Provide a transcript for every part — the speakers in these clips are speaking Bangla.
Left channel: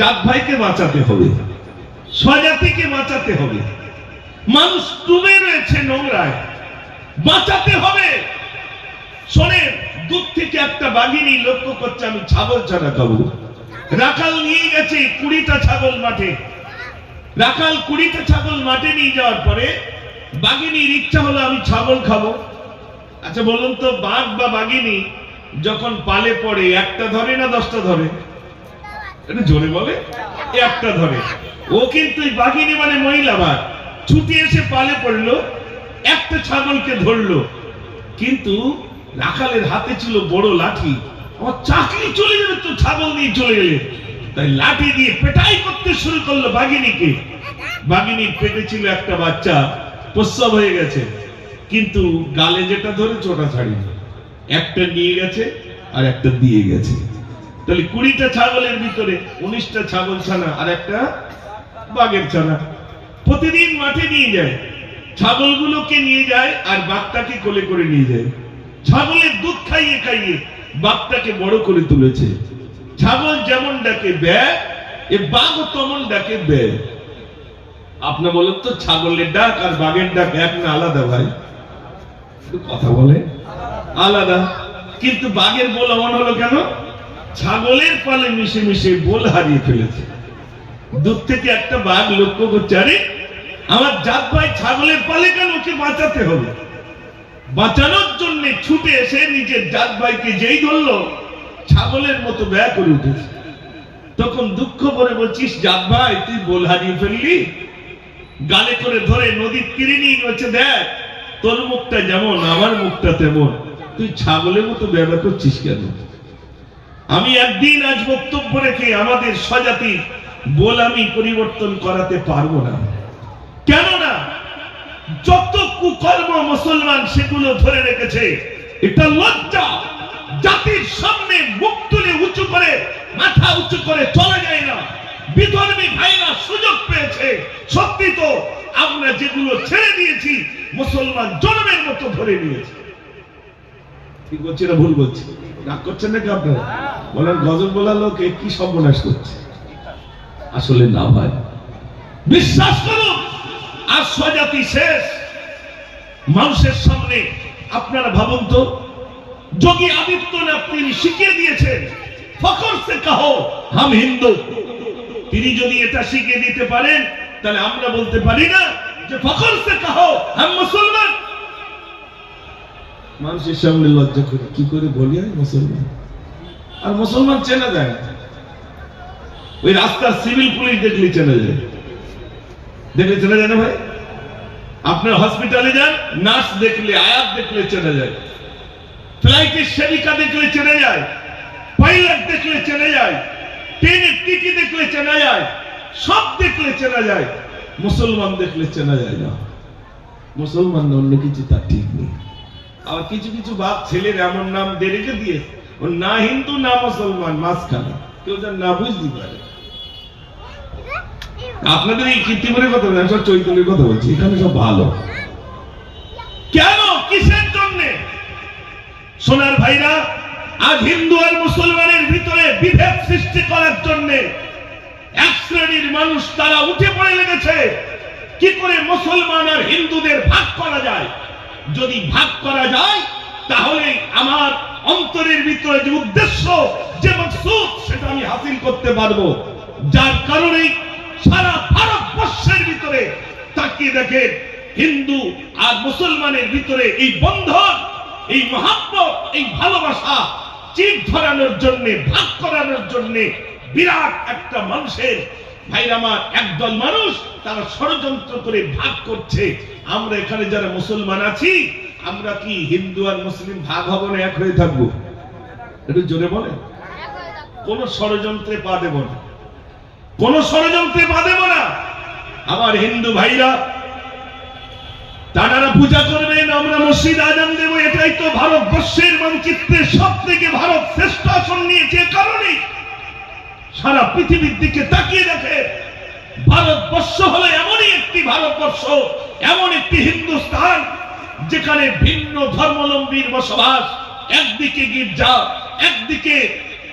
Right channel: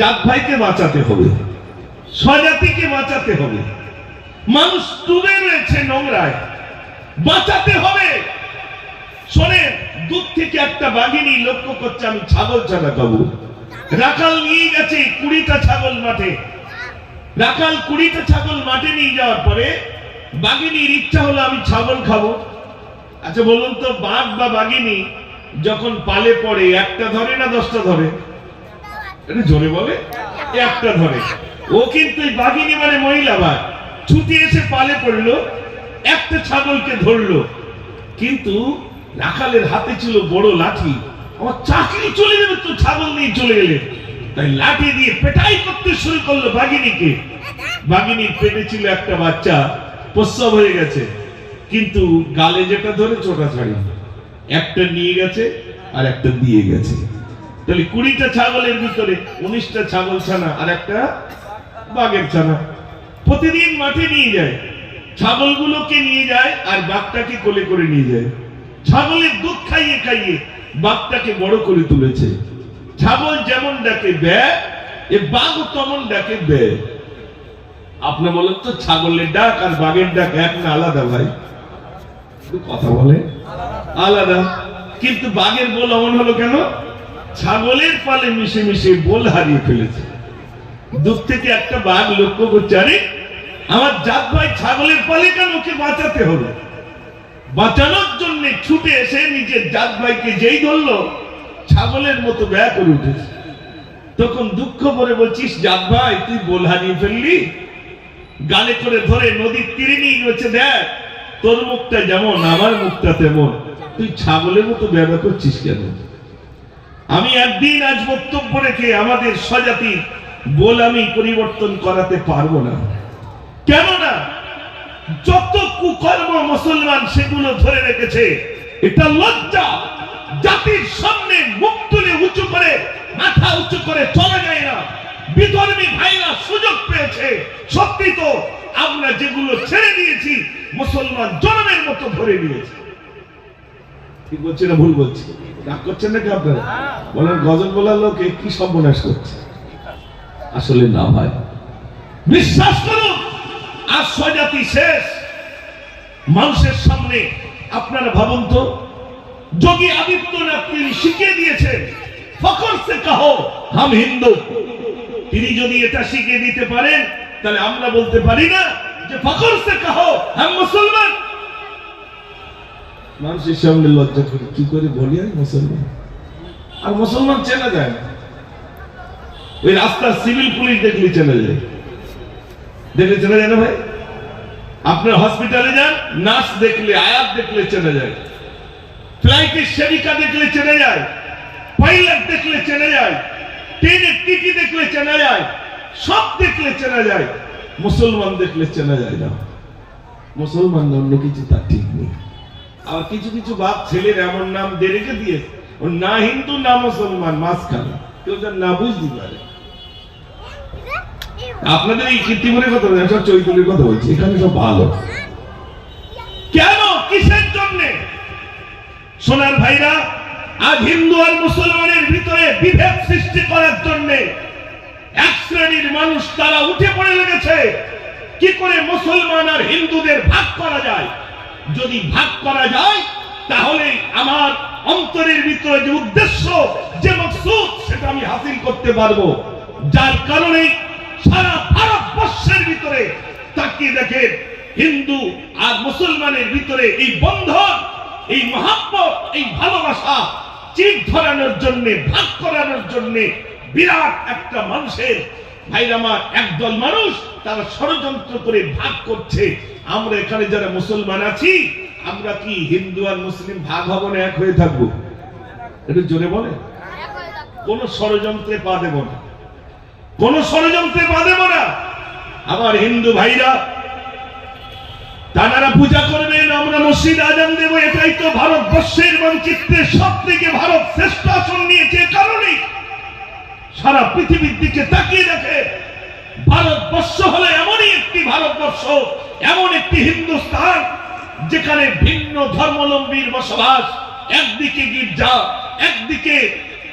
জাত ভাইকে বাঁচাতে হবে, স্বজাতিকে বাঁচাতে হবে। মানুষ ডুবে রয়েছে নোংরায়, বাঁচাতে হবে। শোনেন, দূর থেকে একটা বাঘিনী লক্ষ্য করছে আমি ছাগল ছানা খাবো। রাখাল নিয়ে গেছে 20টা ছাগল মাঠে। রাখাল 20টা ছাগল মাঠে নিয়ে যাওয়ার পরে বাঘিনীর ইচ্ছা হলো আমি ছাগল খাবো। আচ্ছা বলুন তো, বাঘ বা বাঘিনী যখন পালে পড়ে একটা ধরে না 10টা ধরে? এটা জোরে বলে, একটা ধরে। ও কিন্তু বাঘিনী মানে মহিলা বাঘ, ছুটে এসে পালে পড়লো, একটা ছাগলকে ধরলো। কিন্তু রাখালের হাতে ছিল বড় লাঠি, আমার চাকরি চলে যাবে তো ছাগল নিয়ে চলে গেলেন। তাই লাঠি দিয়ে পেটাই করতে শুরু করলো বাঘিনীকে। বাঘিনীর পেটে ছিল একটা বাচ্চা, প্রসব হয়ে গেছে, কিন্তু গালে যেটা ধরে চোটা ছাড়িনি। একটা নিয়ে গেছে আর একটা দিয়ে গেছে। তাহলে 20টা ছাগলের ভিতরে 19টা ছাগল ছানা আর একটা বাঘের ছানা। প্রতিদিন মাঠে নিয়ে যায়, ছাগলগুলোকে নিয়ে যায় আর বাঘটাকে কোলে করে নিয়ে যায়। ছাগলের দুধ খাইয়ে খাইয়ে বাঘটাকে বড় করে তুলেছে। ছাগল যেমন ডাকে ব্যা, এ বাঘও তেমন ডাকে ব্যা। আপনি বলেন তো, ছাগলের ডাক আর বাঘের ডাক এক না আলাদা? ভাই কথা বলে আলাদা। কিন্তু বাঘের বল এমন হলো কেন? ছাগলের পালে মিশে মিশে বল হারিয়ে ফেলেছে। দূর থেকে একটা বাঘ লক্ষ্য করছে, আরে আমার জাত ভাই ছাগলের পালে কেন? ওকে বাঁচাতে হবে। বাঁচানোর জন্য ছুটে এসে নিজের জাত ভাইকে যেই ধরলো, ছাগলের মতো ব্যয় করে উঠেছে। তখন দুঃখ করে বলছিস, জাত ভাই তুই বল হারিয়ে ফেললি। গালে করে ধরে নদীর তীরে নিয়ে গেছে, দেখ তোর মুখটা যেমন আমার মুখটা তেমন, তুই ছাগলের মতো ব্যবহার করছিস কেন? আমি একদিন আজ বক্তব্য রেখে আমাদের স্বজাতি বল আমি পরিবর্তন করাতে পারবো না। কেননা যত কুকর্ম মুসলমান সেগুলো ধরে রেখেছে, এটা লজ্জা। জাতির সামনে মুখ তুলে উঁচু করে মাথা উঁচু করে চলে যায় না। বিধর্মী ভাইরা সুযোগ পেয়েছে। সত্যি তো আমরা যেগুলো ছেড়ে দিয়েছি মুসলমান জনমের মতো ধরে নিয়েছে। ঠিক বলছি না ভুল বলছি? রাগ করছেন নাকি আপনারা? বলেন গজল বলার লোকে কি সর্বনাশ করছে। আসলে না ভাই, বিশ্বাস করুন আজ স্বজাতি শেষ। মানুষের সামনে আপনারা ভাবুন তো, যোগী আদিত্যনাথ তিনি শিখিয়ে দিয়েছেন ফখর সে কাহো হাম হিন্দু। তিনি যদি এটা শিখিয়ে দিতে পারেন, তাহলে আমরা বলতে পারি না যে ফখর সে কাহো হাম মুসলমান? মানুষের সামনে লজ্জা করে কি করে বলি আমি মুসলমান? আর মুসলমান চেনা যায় না। ওই রাস্তার সিভিল পুলিশ দেখলে চেনা যায়, দেখলে চেনা যায় না ভাই? আপনার হসপিটালে যান, নার্স দেখলে, আয়াত দেখলে চেনা যায়। ফ্লাইটের সেবিকা দেখলে চেনা যায়, পাইলট দেখলে চেনা যায়, ট্রেনের টিটি দেখলে চেনা যায়, সব দেখলে চেনা যায়। মুসলমান দেখলে চেনা যায় না। মুসলমান অন্য কিছু তার ঠিক নেই। আর কিছু কিছু বাপ ছেলের এমন নাম দিয়ে রেখে দিয়ে, ও না হিন্দু না মুসলমান, মাঝখানে কেউ যেন না বুঝতে পারে। আপনাদের এই কীর্তিপুরের কথা বলছি, সব চৈতন্যের কথা বলছি, এখানে সব ভালো। কেন, কিসের জন্য? সোনার ভাইরা, আজ হিন্দু আর মুসলমানের ভিতরে বিভেদ সৃষ্টি করার জন্য এক শ্রেণীর মানুষ তারা উঠে পড়ে লেগেছে কি করে মুসলমান আর হিন্দুদের ভাগ করা যায়। যদি ভাগ করা যায় তাহলে আমার অন্তরের ভিতরে যে উদ্দেশ্য, যে মকসুদ, সেটা আমি হাসিল করতে পারবো। যার কারণে সারা ভারতবর্ষের ভিতরে তাকিয়ে দেখে হিন্দু আর মুসলমানের ভিতরে এই বন্ধন, এই মহাব্বত, এই ভালোবাসা চির ধরানোর জন্য, ভাগ করানোর জন্য বিরাট একটা মানুষের, ভাইরা আমার, একদল মানুষ তারা ষড়যন্ত্র করে ভাগ করছে। আমরা এখানে যারা মুসলমান আছি, আমরা কি হিন্দু আর মুসলিম ভাগ হব না এক হয়ে থাকবো? একটু জোরে বলে। কোন ষড়যন্ত্রে পা দেব না, কোন ষড়যন্ত্রে পা দেব না। আমার হিন্দু ভাইরা তারা পূজা করবেন, আমরা মসজিদ আজান দেব, এটাই তো ভারতবর্ষের মানচিত্রে সব থেকে ভারত শ্রেষ্ঠ আসন নিয়েছে। কারণে সারা পৃথিবীর দিকে তাকিয়ে দেখে ভারতবর্ষ হলো এমনই একটি ভারতবর্ষ, এমন একটি হিন্দুস্তান যেখানে ভিন্ন ধর্মাবলম্বীর বসবাস। একদিকে গির্জা, একদিকে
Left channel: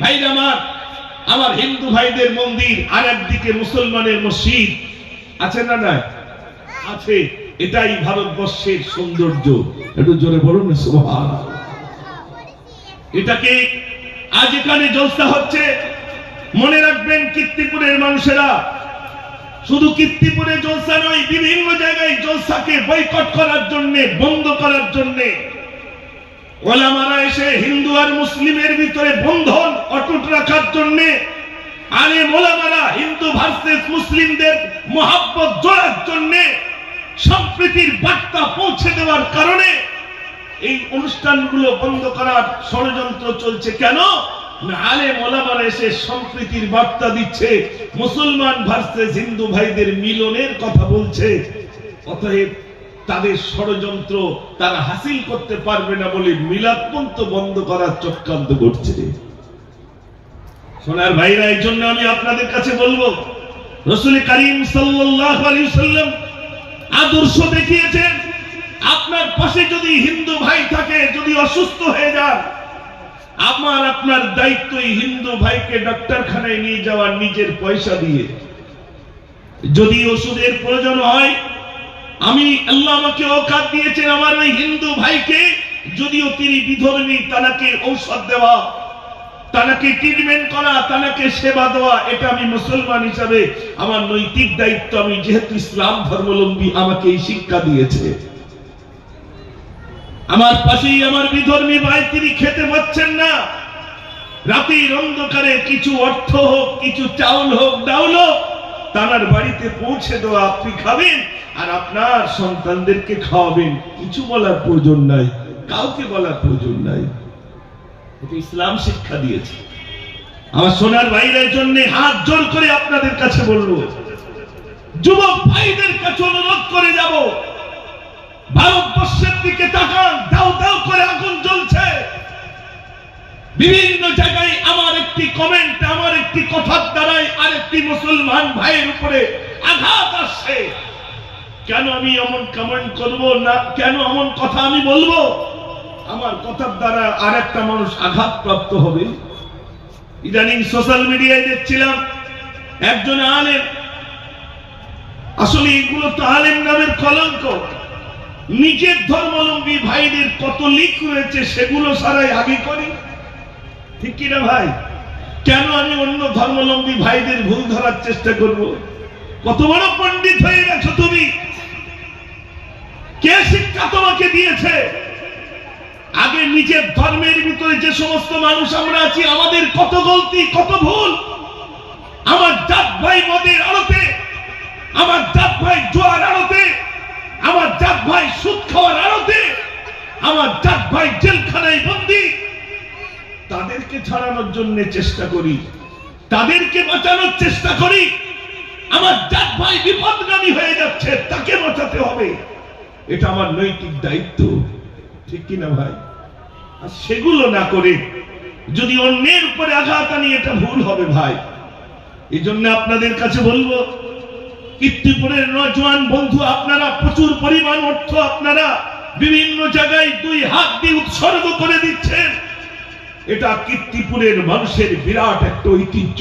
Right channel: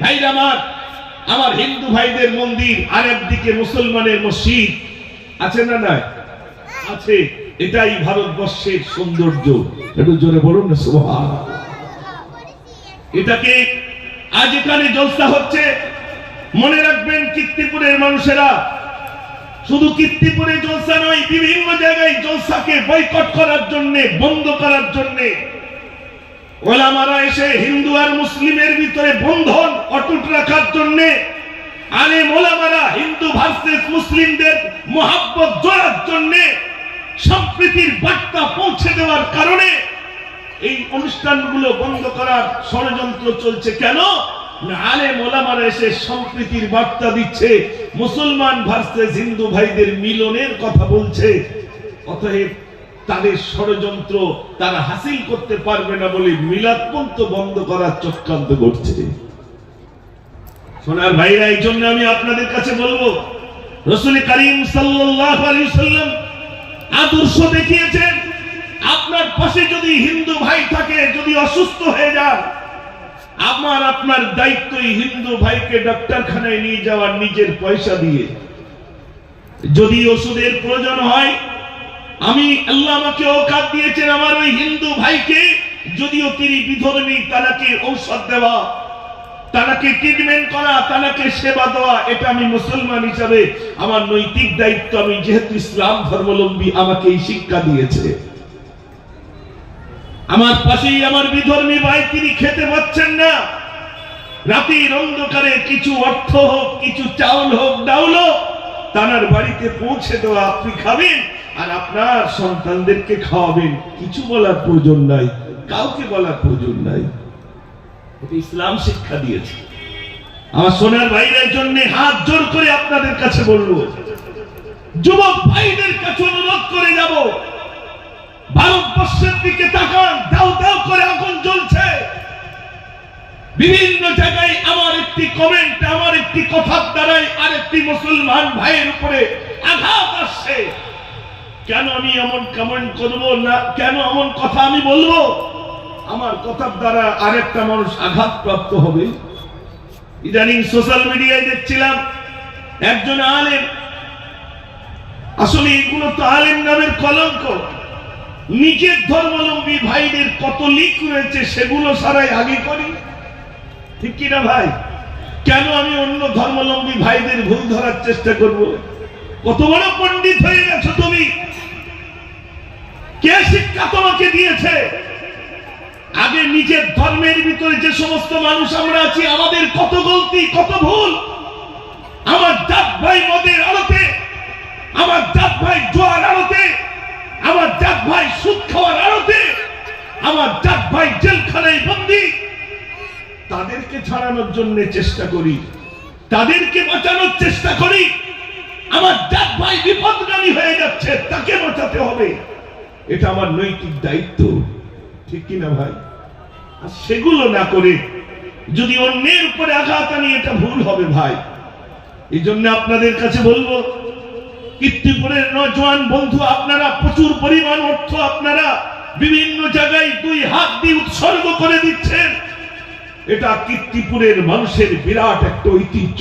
ভাইরা আমার আমার হিন্দু ভাইদের মন্দির, আর একদিকে মুসলমানের মসজিদ, আছে না না? আছে। এটাই ভারতবর্ষের সৌন্দর্য। একটু জোরে বলুন না সুবহানাল্লাহ। এটাকে আজ এখানে জলসা হচ্ছে। মনে রাখবেন কীর্তিপুরের মানুষেরা, শুধু কীর্তিপুরে জলসা নয়, বিভিন্ন জায়গায় জলসাকে বয়কট করার জন্য, বন্ধ করার জন্য ওলামারা এসে হিন্দু আর মুসলিমের ভিতরে বন্ধন অটুট রাখার জন্য, আলেম ওলামারা হিন্দু ভার্সেস মুসলিমদের মহাব্বত জোড়ার জন্য, সম্প্রীতির বার্তা পৌঁছে দেওয়ার কারণে এই অনুষ্ঠানগুলো বন্ধ করার ষড়যন্ত্র চলছে। কেন না, আলেম ওলামারা এসে সম্প্রীতির বার্তা দিচ্ছে, মুসলমান ভার্সেস হিন্দু ভাইদের মিলনের কথা বলছে। অতএব তাদের ষড়যন্ত্র তারা হাসিল করতে পারবে না বলে মিলাদপন্থ বন্ধ করার চক্রান্ত করছে। সোনার ভাইরা, এই জন্য আমি আপনাদের কাছে বলবো, রাসূল করিম সাল্লাল্লাহু আলাইহি সাল্লাম আদর্শ দেখিয়েছেন। আপনার পাশে যদি হিন্দু ভাই থাকে, যদি অসুস্থ হয়ে যান, আমার আপনার দায়িত্ব হিন্দু ভাইকে ডাক্তারখানায় নিয়ে যাওয়ার নিজের পয়সা দিয়ে। যদি ওষুধের প্রয়োজন হয়, আমি আল্লাহ আমাকে ওকাত দিয়েছেন আমার ওই হিন্দু ভাইকে, যদিও তিনি বিধর্মী, তাকে ঔষধ দেওয়া, তাকে ট্রিটমেন্ট করা, তাকে সেবা দেওয়া, এটা আমি মুসলমান হিসাবে আমার নৈতিক দায়িত্ব। আমি যেহেতু ইসলাম ধর্মাবলম্বী, আমাকে এই শিক্ষা দিয়েছে। আমার পাশেই আমার বিধর্মী ভাই, তিনি খেতে পাচ্ছেন না, রাতের অন্ধকারে কিছু অর্থ হোক, কিছু চাউল হোক, ডাউল হোক, তার বাড়িতে পৌঁছে দেওয়া, আপনি খাবেন আর আপনার সন্তানদেরকে খাওয়াবেন। কিছু বলার প্রয়োজন নাই, কাউকে বলার প্রয়োজন নাই। এটা ইসলাম শিক্ষা দিয়েছে। আমার সোনার ভাইদের জন্য হাত জোর করে আপনাদের কাছে বলবো, যুবক ভাইদের কাছে অনুরোধ করে যাব, ভারতবর্ষের দিকে তাকান। দাও দাও করে আগুন জ্বলছে বিভিন্ন জায়গায়। আমার একটি কমেন্ট, আমার একটি কথার দ্বারাই আরেকটি মুসলমান ভাইয়ের উপরে আঘাত আসছে। কেন আমি এমন কমেন্ট করব না, কেন এমন কথা আমি বলবো? আমার কথার দ্বারা আরেকটা মানুষ আঘাত প্রাপ্ত হবে। ইদানিং সোশ্যাল মিডিয়ায় দেখছিলাম একজন আলেম, আসলে এগুলো তো আলেম নামের কলঙ্ক, নিজের ধর্মাবলম্বী ভাইদের কত লিক রয়েছে সেগুলো সারাই আগে করি, ঠিক কিনা ভাই? কেন আমি অন্য ধর্মাবলম্বী ভাইদের ভুল ধরার চেষ্টা করব? কত বড় পণ্ডিত হয়ে গেছো তুমি, কে শিক্ষা তোমাকে দিয়েছে? আগে নিজের ধর্মের ভিতরে যে সমস্ত মানুষ আমরা আছি, আমাদের কত গলতি, কত ভুল। আমার জাত ভাই মদের আড়তে, আমার জাত ভাই জোয়ার আড়তে, আমার জাত ভাই সুদ খাওয়ার আড়তে, আমার জাত ভাই জেলখানায় বন্দী। তাদেরকে ছাড়ানোর জন্য চেষ্টা করি, তাদেরকে বাঁচানোর চেষ্টা করি। আমার জাত ভাই বিপদগামী হয়ে যাচ্ছে, তাকে বাঁচাতে হবে, এটা আমার নৈতিক দায়িত্ব, ঠিক কিনা ভাই? আর সেগুলো না করে যদি অন্যের উপরে আঘাত আনি, এটা ভুল হবে ভাই। এই জন্য আপনাদের কাছে বলবো, কীর্তিপুরের নওজোয়ান বন্ধু, আপনারা প্রচুর পরিমাণ অর্থ আপনারা বিভিন্ন জায়গায় দুই হাত দিয়ে উৎসর্গ করে দিচ্ছেন। এটা কীর্তিপুরের মানুষের বিরাট একটা ঐতিহ্য।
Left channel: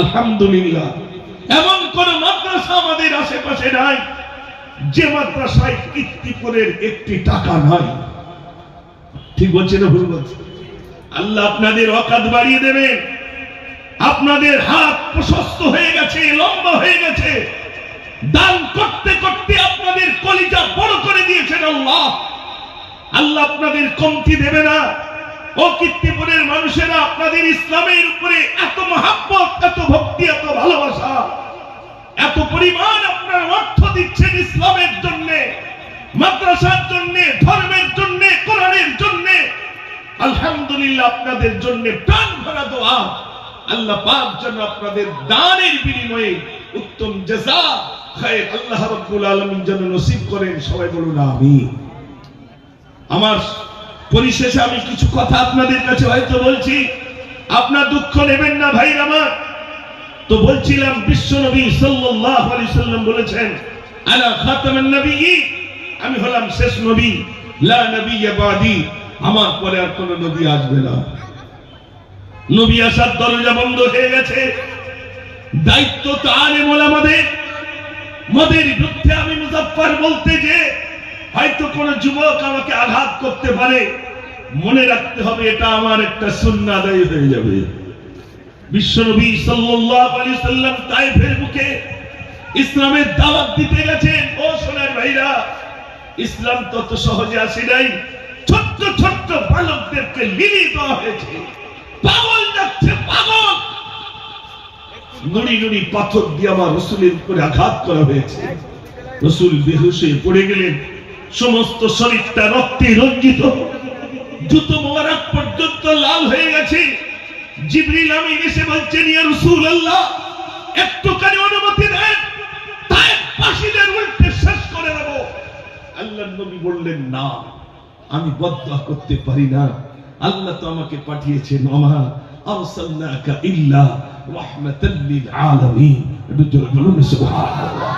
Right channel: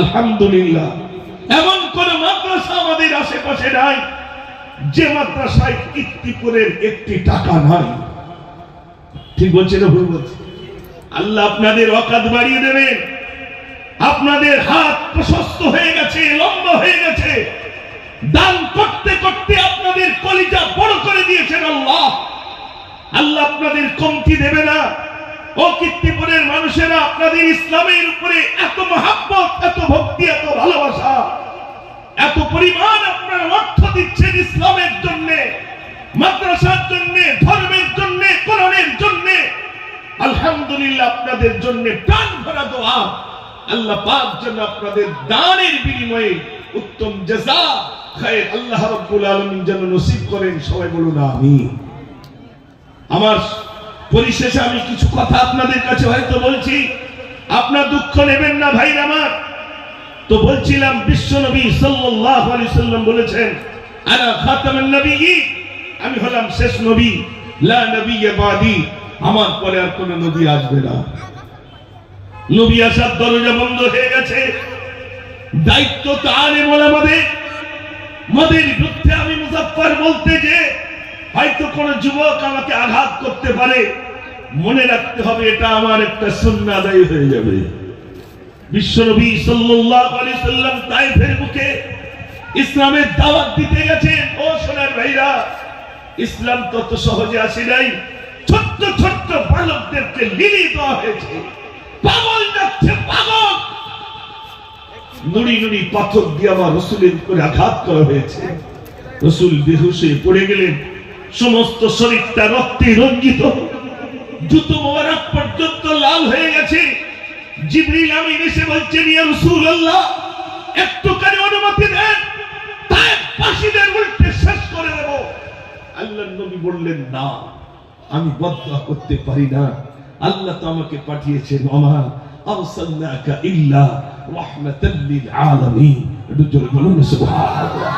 আলহামদুলিল্লাহ, এমন কোন মাদ্রাসা আমাদের আশেপাশে নাই যে মাদ্রাসায় কীর্তিপুরের একটি টাকা নাই। ঠিক বলছে না ভুল বলছে? আল্লাহ আপনাদের অকাত বাড়িয়ে দেবেন। আপনাদের হাত প্রশস্ত হয়ে গেছে, লম্বা হয়ে গেছে। দান করতে করতে আপনাদের কলিজা বড় করে দিয়েছেন আল্লাহ। আল্লাহ আপনাদের কমতি দেবে না। ও কীর্তিপুরের মানুষেরা, আপনাদের ইসলামের উপরে এত মহাব্বত, এত ভক্তি, এত ভালোবাসা, এত পরিমাণ আপনারা অর্থ দিচ্ছেন ইসলামের জন্য, মাদ্রাসার জন্য, ধর্মের জন্য, কোরআনের জন্য। আলহামদুলিল্লাহ, আপনাদের জন্য প্রাণ ভরা দোয়া। আল্লাহ পাক যেন আপনাদের দানের বিনিময়ে উত্তম জাযা, খায়র আল্লাহ রাব্বুল আলামিন যেন নসিব করেন। সবাই বলুন আমিন। আমার পরিশেষে আমি কিছু কথা আপনাদের কাছে হয়তো বলছি, আপনার দুঃখ নেবেন না ভাই আমার। তো বলছিলাম, বিশ্বনবী সাল্লাল্লাহু আলাইহি সাল্লাম বলেছেন, আনা খাতামুন নবিয়্যিন, আমি হলাম শেষ নবী, লা নবিয়্যা বাদি, আমার পরে আর কোনো নবী আসবে না। নবী আসার দরজা বন্ধ হয়ে গেছে। দায়িত্ব তার বলে মদের বিরুদ্ধে আমি মুজাফফর বলতে যে হয়তো কোন যুবক আমাকে আঘাত করতে পারে, মনে রাখতে হবে এটা আমার একটা সুন্নাহ আদায় হয়ে যাবে। বিশ্বনবী সাল্লাল্লাহু আলাইহি সাল্লাম তায়েফের বুকে ইসলামের দাওয়াত দিতে গেছেন। ও সোনার ভাইরা, ইসলাম তত সহজে আসে নাই। ছোট্ট ছোট্ট বালকদেরকে লিলি দেওয়া হয়েছে, পাগল যাচ্ছে পাগল, নুড়ি নুড়ি পাথর দিয়ে আমার রাসূলের উপরে আঘাত করা হয়েছে। রাসূল বেহুশ হয়ে পড়ে গেলেন, সমস্ত শরীরটা রক্তে রঞ্জিত, জুতো মোবারক পর্যন্ত লাল হয়ে গেছে। জিবরিল আমিন এসে বলছেন, ইয়া রাসূলুল্লাহ, একটুখানি অনুমতি দেন, তাই ফাঁসিদের উল্টে শেষ করে দেব। আল্লাহর নবী বললেন, না, আমি বদদুয়া করতে পারি না, আল্লাহ তো আমাকে পাঠিয়েছেন, ওমা আরসালনাকা ইল্লা রাহমাতাল লিল আলামিন। একটু জোরে বলুন সুবহানাল্লাহ।